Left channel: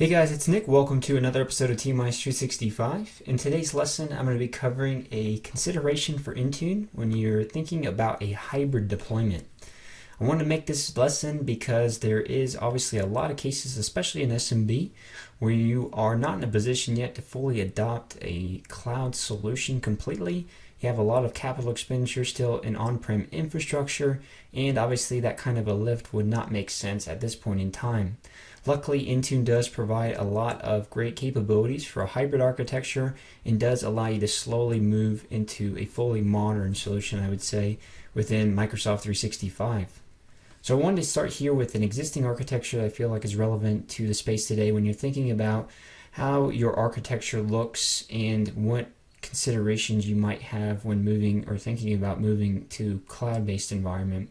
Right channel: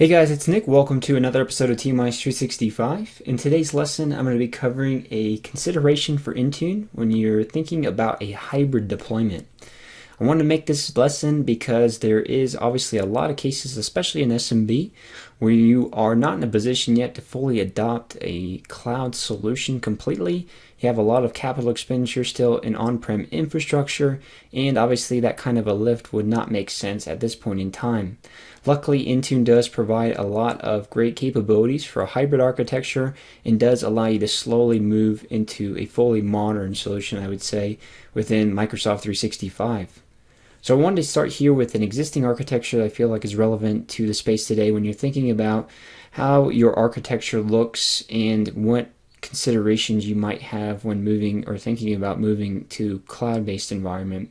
Hey guys, it's Nick. Welcome to another episode of TMI's 365. In today's lesson, I'm going to be covering a consideration for Intune when you're thinking about a hybrid deployment. I wanted to make this lesson because there is obviously a lot of cases, especially in SMB, where you are not in a position yet to fully adopt a cloud solution completely. You have a lot of capital expenditure still in on-prem infrastructure, and obviously that kind of a lift would not make sense at this point in time. Luckily, Intune does provide a lot of great capabilities for a hybrid architecture and does allow you to slowly move into a fully modern solution, I would say, within Microsoft 365. So I wanted to start here with an existing architecture that I feel like is relevant to the space today when you're thinking about how your architecture looks and what considerations you might have when moving or thinking about moving to cloud-based environment.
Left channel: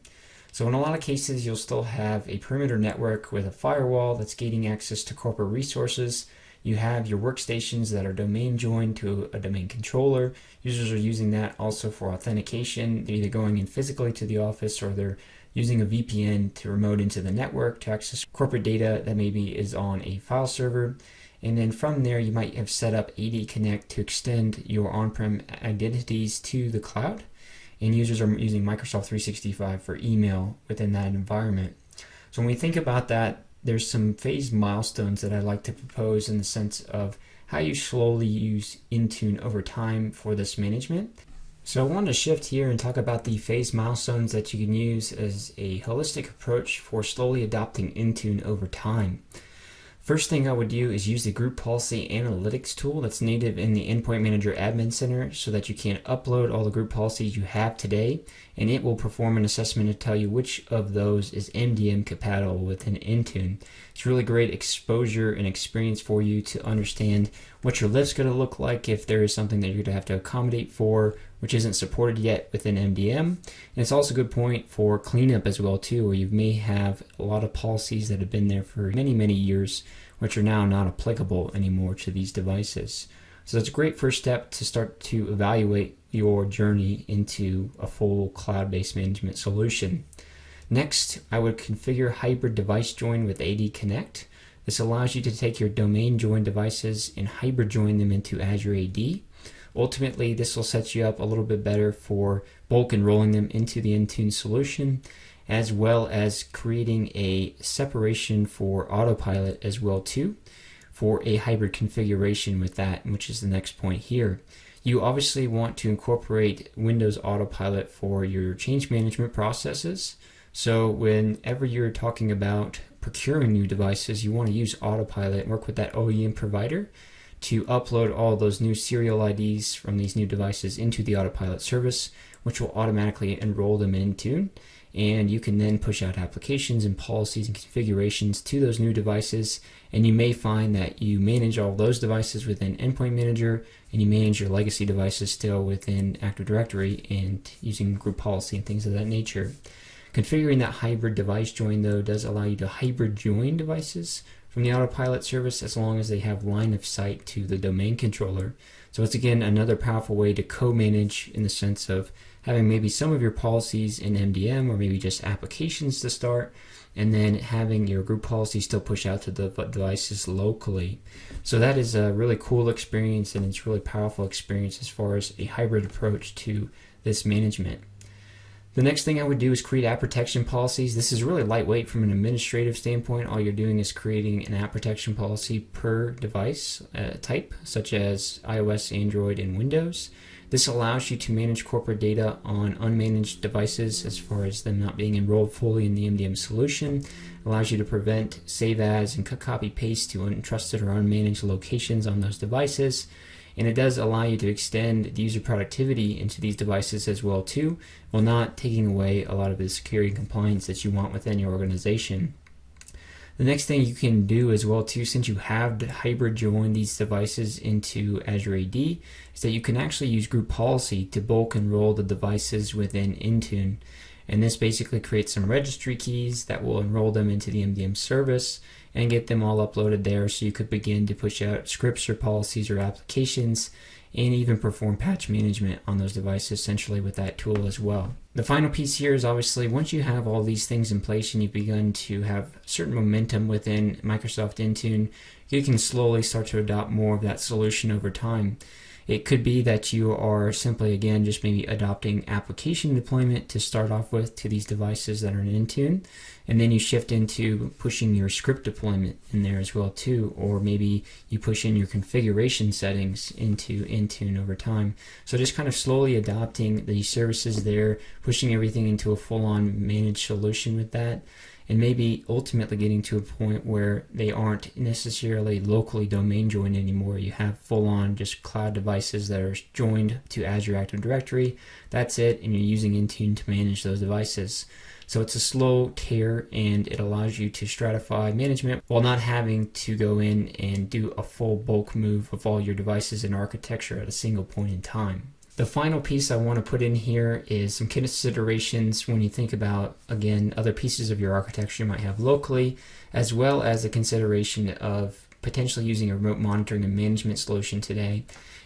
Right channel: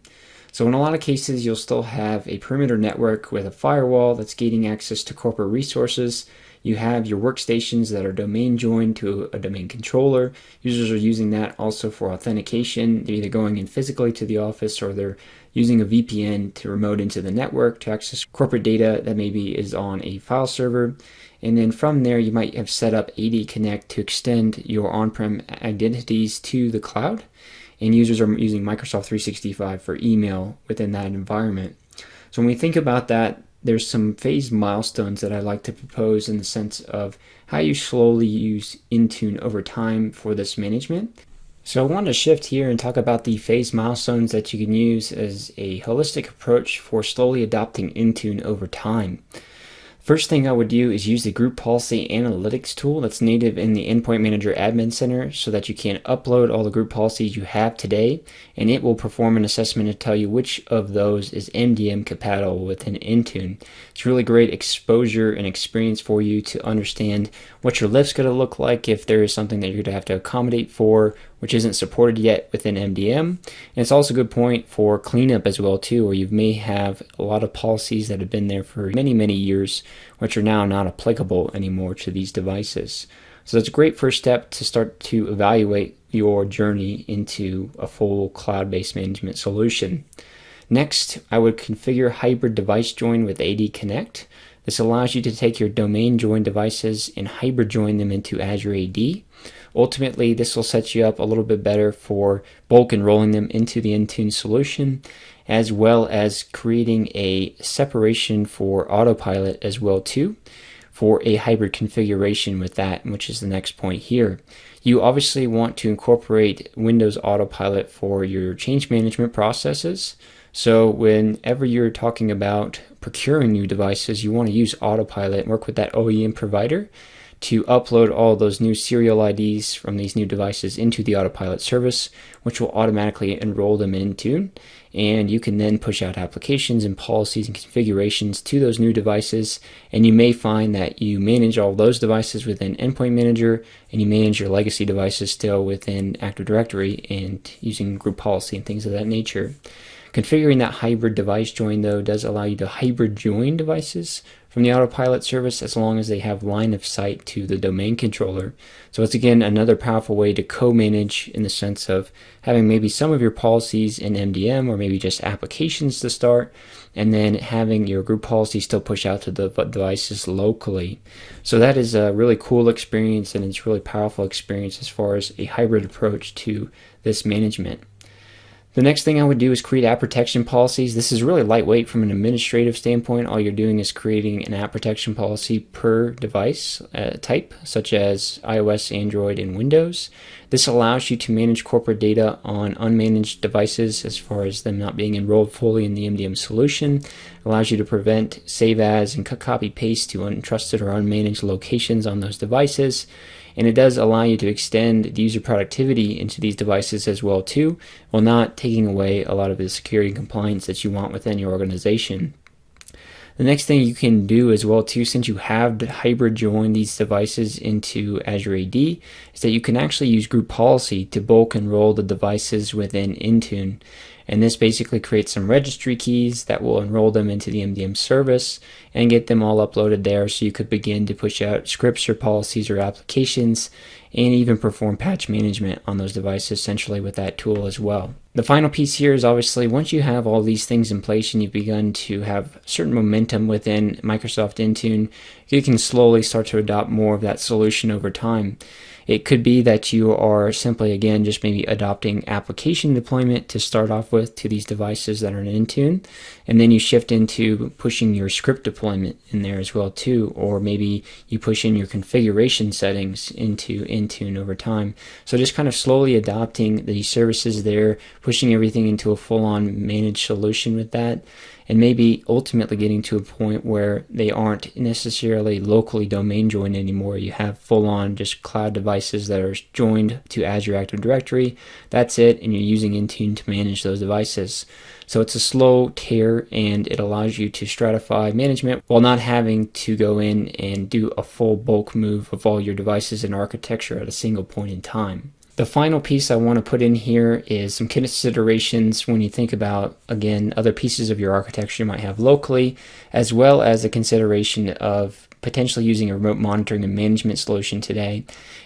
So in a lot of cases, you'll still have a perimeter network with a firewall that's gating access to corporate resources. You have your workstations that are domain joined to a domain controller. Users are using that also for authentication. They're either going in physically to the office or they're using a VPN to remote into the network to access corporate data that maybe is on a file server. And then from there, you might have set up AD Connect to extend your on-prem identities to the cloud. And users are using Microsoft 365 for email within that environment. So when we think about that, there's some phased milestones that I like to propose in the sense of how you slowly use Intune over time for this management. So I want to shift here and talk about the phased milestones that you can use as a holistic approach for slowly adopting Intune over time. First thing I would do is use the group policy analytics tool that's native in the Endpoint Manager Admin Center so that you can upload all the group policies you have today, and it will perform an assessment to tell you which of those is MDM compatible within Intune. It's really great exposure and experience for you to understand what your lift's going to look like if there is something that you're going to have to accommodate for which isn't supported yet within MDM. And it's also a good point for cleanup as well too, where you may have a lot of policies that have been there for many years, which are now not applicable anymore to these devices. So that's a great first step to start to evaluate your journey into a full cloud-based management solution. Next, I would configure hybrid device join with AD Connect. This allows you to take your domain join devices and hybrid join them into Azure AD. Ultimately, this will set you up a little bit better for bulk enrolling them into the Intune solution, as well as creating a separation for autopilot as well too, for a hybrid configuration with that, which is the next point here. You obviously want to incorporate Windows Autopilot for your change management processes. So whenever you're talking about procuring new devices, you want to use Autopilot and work with that OEM provider to upload all those new serial IDs from these new devices into the Autopilot service, which will automatically enroll them in Intune. And you can then push out applications and policies and configurations to those new devices. And you may find that you manage all those devices within Endpoint Manager, and you manage your legacy devices still within Active Directory and using group policy and things of that nature. Configuring that hybrid device join, though, does allow you to hybrid join devices from the Autopilot service as long as they have line of sight to the domain controller. So it's again another powerful way to co-manage in the sense of having maybe some of your policies in MDM or maybe just applications to start, and then having your group policy still push out to the devices locally. So that is a really cool experience, and it's a really powerful experience as far as a hybrid approach to this management. The next thing I would do is create app protection policies. This is really lightweight from an administrative standpoint. All you're doing is creating an app protection policy per device type, such as iOS, Android, and Windows. This allows you to manage corporate data on unmanaged devices as far as them not being enrolled fully in the MDM solution. It allows you to prevent save as and copy paste to untrusted or unmanaged locations on those devices. And it does allow you to extend the user productivity into these devices as well too, while not taking away a lot of the security and compliance that you want within your organization. The next thing you can do as well too, since you have hybrid join these devices into Azure AD, is that you can actually use group policy to bulk enroll the devices within Intune. And this basically creates some registry keys that will enroll them into the MDM service and get them all uploaded there, so you could begin to push out scripts or policies or applications and even perform patch management on those devices essentially with that tool as well. The final piece here is obviously once you have all these things in place and you've begun to have certain momentum within Microsoft Intune, you can slowly start to adopt more of that solution over time. It could be that you are simply, again, just maybe adopting application deployment to start off with to these devices that are in Intune, and then you shift into pushing your script deployment in there as well too, or maybe you push in your configuration settings into Intune over time. So just kind of slowly adopting these services there, pushing everything into a full-on managed solution with that, and maybe ultimately getting to a point where they aren't necessarily locally domain joined anymore. You have full-on just cloud devices that are joined to Azure Active Directory. That's it, and you're using Intune to manage those devices. So it's a slow tear, and it allows you to stratify management while not having to go in and do a full bulk move of all your devices and architecture at a single point in time. The final piece I want to put in here is some considerations when you think about, again, other pieces of your architecture you might have locally, as well as the consideration of potentially using a remote monitoring and management solution today.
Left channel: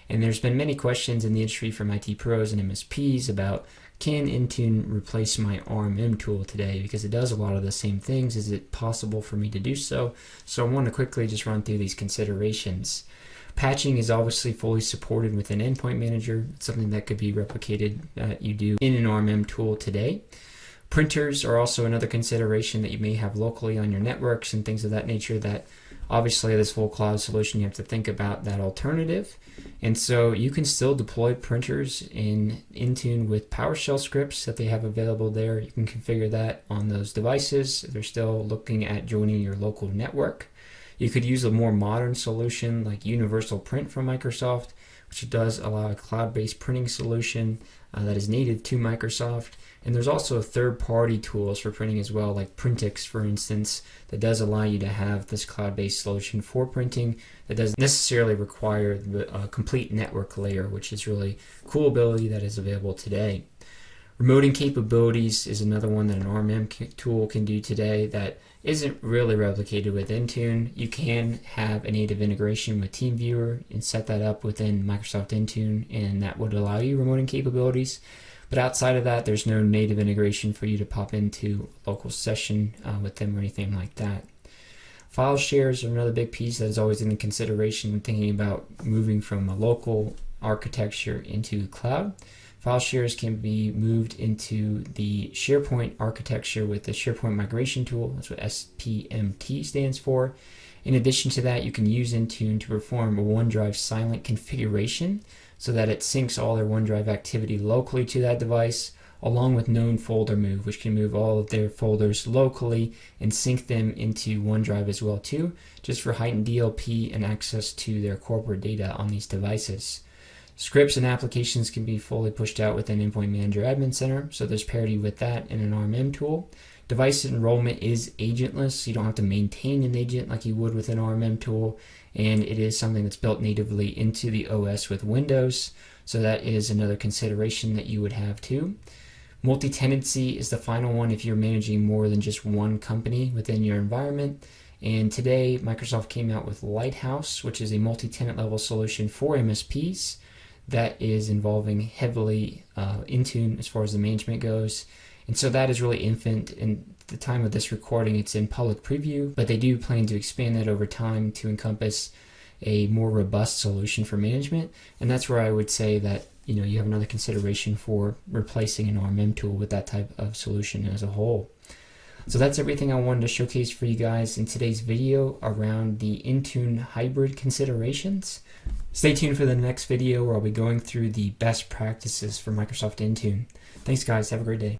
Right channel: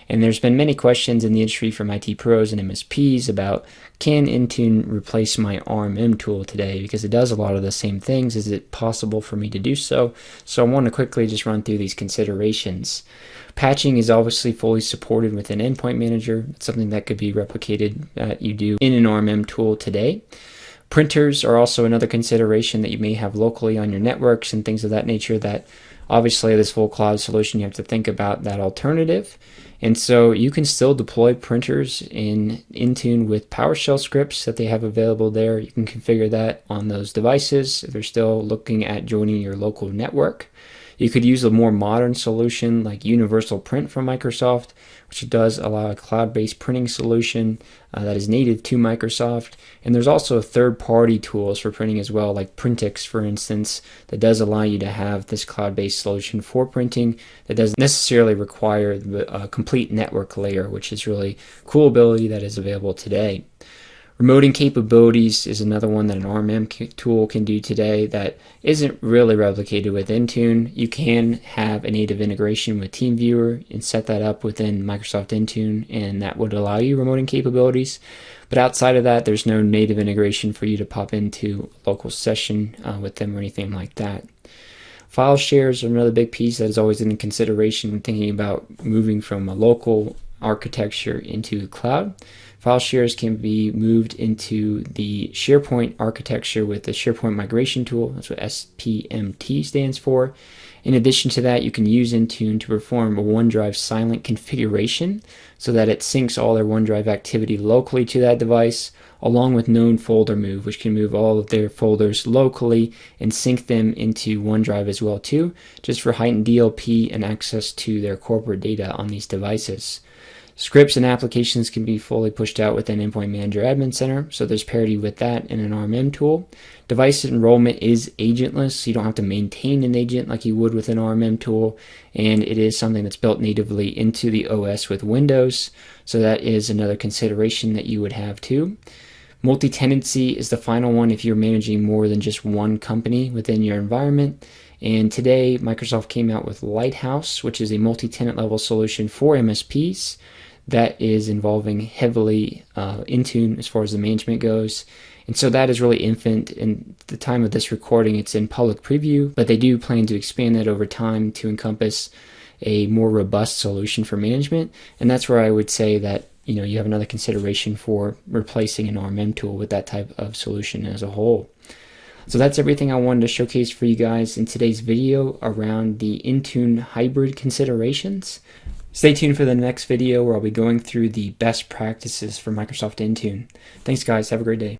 And there's been many questions in the industry from IT pros and MSPs about, can Intune replace my RMM tool today? Because it does a lot of the same things. Is it possible for me to do so? So I want to quickly just run through these considerations. Patching is obviously fully supported with an endpoint manager. It's something that could be replicated that you do in an RMM tool today. Printers are also another consideration that you may have locally on your networks and things of that nature that obviously this full cloud solution you have to think about that alternative. And so you can still deploy printers in Intune with PowerShell scripts that they have available there. You can configure that on those devices if they're still looking at joining your local network. You could use a more modern solution like Universal Print from Microsoft, which does allow a cloud-based printing solution that is native to Microsoft. And there's also third-party tools for printing as well, like Printix, for instance, that does allow you to have this cloud-based solution for printing that doesn't necessarily require the complete network layer, which is really a cool ability that is available today. Remoting capabilities is another one that an RMM tool can do today that isn't really replicated with Intune. You can have a native integration with TeamViewer and set that up within Microsoft Intune, and that would allow you remoting capabilities. But outside of that, there's no native integration for you to pop into a local session with them or anything like that. File shares are another big piece that is always in consideration when thinking about moving from a local architecture into the cloud. File shares can be moved into the SharePoint architecture with the SharePoint migration tool. That's what SPMT stands for. In addition to that, you can use Intune to perform a OneDrive silent configuration so that it syncs all their OneDrive activity locally to that device, along with known folder move, which can move all of their folders locally and sync them into OneDrive as well too, just for heightened DLP and access to their corporate data on these devices. Scripts and applications can be fully pushed out within Endpoint Manager Admin Center, so there's parity with that in an RMM tool. Device enrollment is agentless, so you don't have to maintain an agent like you would with an RMM tool, and it is something that's built natively into the OS with Windows, so that is another consideration that you would have too. Multi-tenancy is the final one if you're managing more than just one company within your environment. And today, Microsoft came out with Lighthouse, which is a multi-tenant level solution for MSPs that is involving heavily Intune as far as the management goes. And so that is really infant. In the time of this recording, it's in public preview, but they do plan to expand that over time to encompass a more robust solution for management. And that's where I would say that you have another consideration for replacing an RMM tool with that type of solution as a whole. So that's everything I wanted to showcase for you guys in today's video around the Intune hybrid considerations. Stay tuned for the next video where I'll be going through the best practices for Microsoft Intune. Thanks guys, have a great day.